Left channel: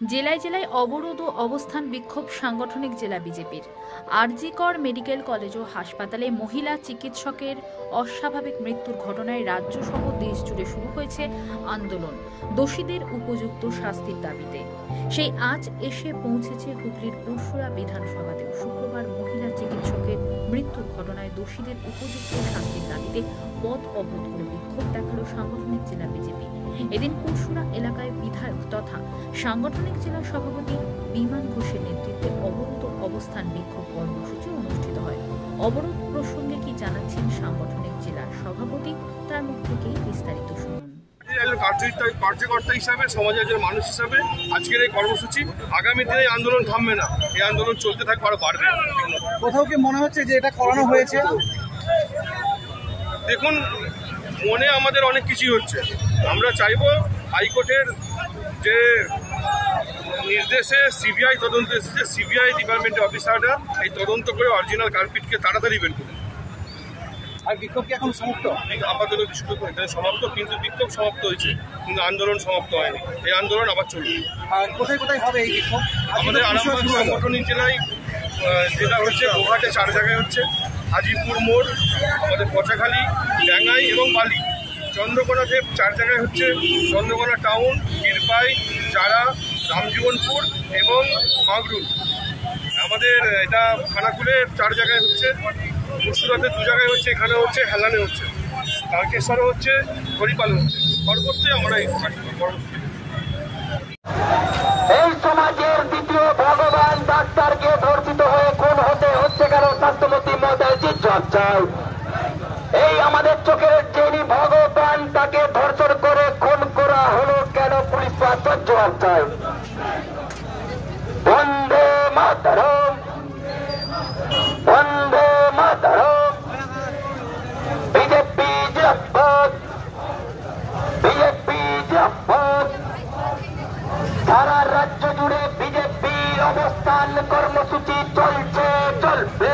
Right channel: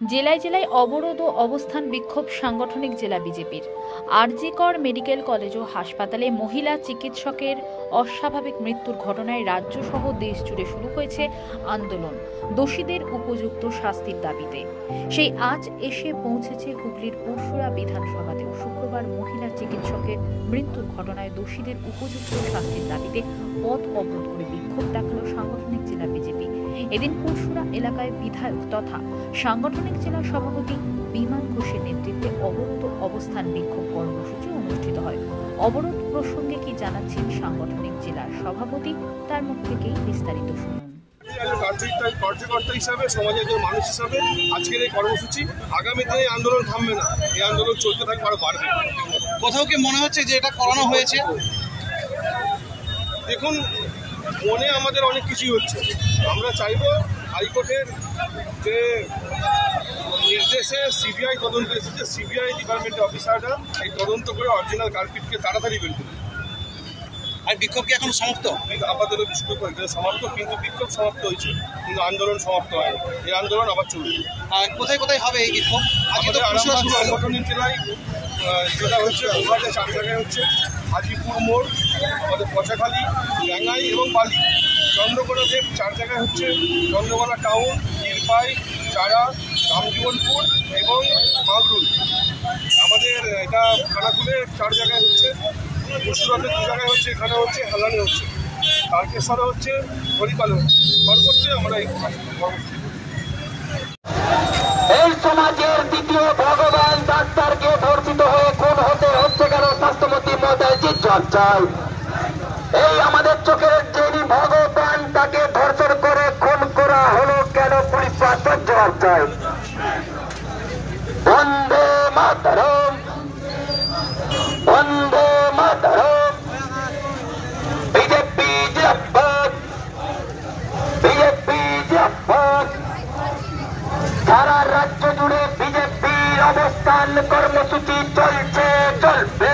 জেলায় জেলায় অবরোধ ও অবস্থান বিক্ষোভ সাংগঠনিক জেলা বিজেপির। আরজি কর মেডিকেল কলেজ ও হাসপাতালে মহিলা চিকিৎসকের অস্বাভাবিক মৃত্যুর ঘটনায় রাজ্য সহ দেশ জুড়ে শুরু হয়েছে আন্দোলন দোষীদের উপযুক্ত শাস্তির দাবিতে। সেই আজ এসে পৌঁছেছে হুগলির পুরসুরা বিধানসভাতেও। শুক্রবার মহিলা চিকিৎসকের মৃত্যুর ঘটনায় দোষীদের উপযুক্ত শাস্তির দাবিতে পথ অবরোধ করে বিক্ষোভ দেখালো সাংগঠনিক জেলা বিজেপি। এদিন পুরসুরা এলাকায় বিধায়ক তথা সাংগঠনিক জেলা সভাপতি বিমান ঘোষের নেতৃত্বে অবরোধ অবস্থান বিক্ষোভ কর্মসূচি অনুষ্ঠিত হয়। অবরোধ প্রসঙ্গে কি জানাচ্ছেন সাংগঠনিক জেলার সভাপতি, তার মুখ থেকেই বিস্তারিত শুনুন। কার্যকর্তা হিসাবে, সমাজের একজন মানুষ হিসাবে আজকের এই কর্মসূচি, আগামী দিনে আন্দোলন থামবে না, এই আন্দোলন চলতে থাকবে, আরো বাড়বে। কোথাও কি মনে হচ্ছে যে এটা করানো হয়েছে? দেখুন, মনে আমাদের অনেক কিছুই হচ্ছে। আমরা চাইবো হাইকোর্টের যে নির্দেশে সিবিআই তদন্ত এসেছে, সিবিআই ডিপার্টমেন্টের অফিসাররা এই তদন্ত করে অরিজিনাল কালপিটকে তাড়াতাড়ি বের করুন। আর বিক্ষোভ কি এখন সমাপ্ত? আপাতত বিক্ষোভ এখানে সমাপ্ত, কিন্তু বিক্ষোভ সমাপ্ত হয়েছে, কিন্তু আন্দোলন সমাপ্ত হয়নি। এই আন্দোলন আবার চলবে। আর কোথায় কোথায় হবে এই বিক্ষোভ? আমাদের আরামবাগ সাংগঠনিক জেলায় যেটা হচ্ছে, গোঘাটে 4 জায়গায় হচ্ছে, হাজিপুর মোড়, আমাদের পচাখালী, ডাঙ্গাই এবং বালি। চন্দ্রকোনাতে 4 জায়গায় হচ্ছে, চন্দ্রকোনা টাউন, ক্ষীরপাই, চারা, রামজীবনপুর এবং মাগরুল। আমাদের এটা খানাকুলে 4 জায়গায় হচ্ছে, পুরসুরাতে 2 জায়গায় হচ্ছে, এখানে হচ্ছে, হেলানে হচ্ছে, তারকেশ্বরে হচ্ছে, হরিপালে হচ্ছে। সর্বত্রই আমরা এই কর্মসূচি। এই সমাজের দ্বিতীয় ভগবান ডাক্তারকে ধর্ষিত হয়ে খুন হতে হচ্ছে কেন? স্বাস্থ্যমন্ত্রী মহোদয় জবাব চাই। এই আমাদের চোখের যিনি ভগবান, তাকে ধর্ষণ করে খুন করা হলো কেন? পুলিশ প্রশাসন জবাব চাই। বন্দে মাতরম, বন্দে মাতরম। বিজেপি জিন্দাবাদ, বিজেপি জিন্দাবাদ। সারা রাজ্য জুড়ে বিজেপির অবস্থান কর্মসূচি চলছে, চলবে।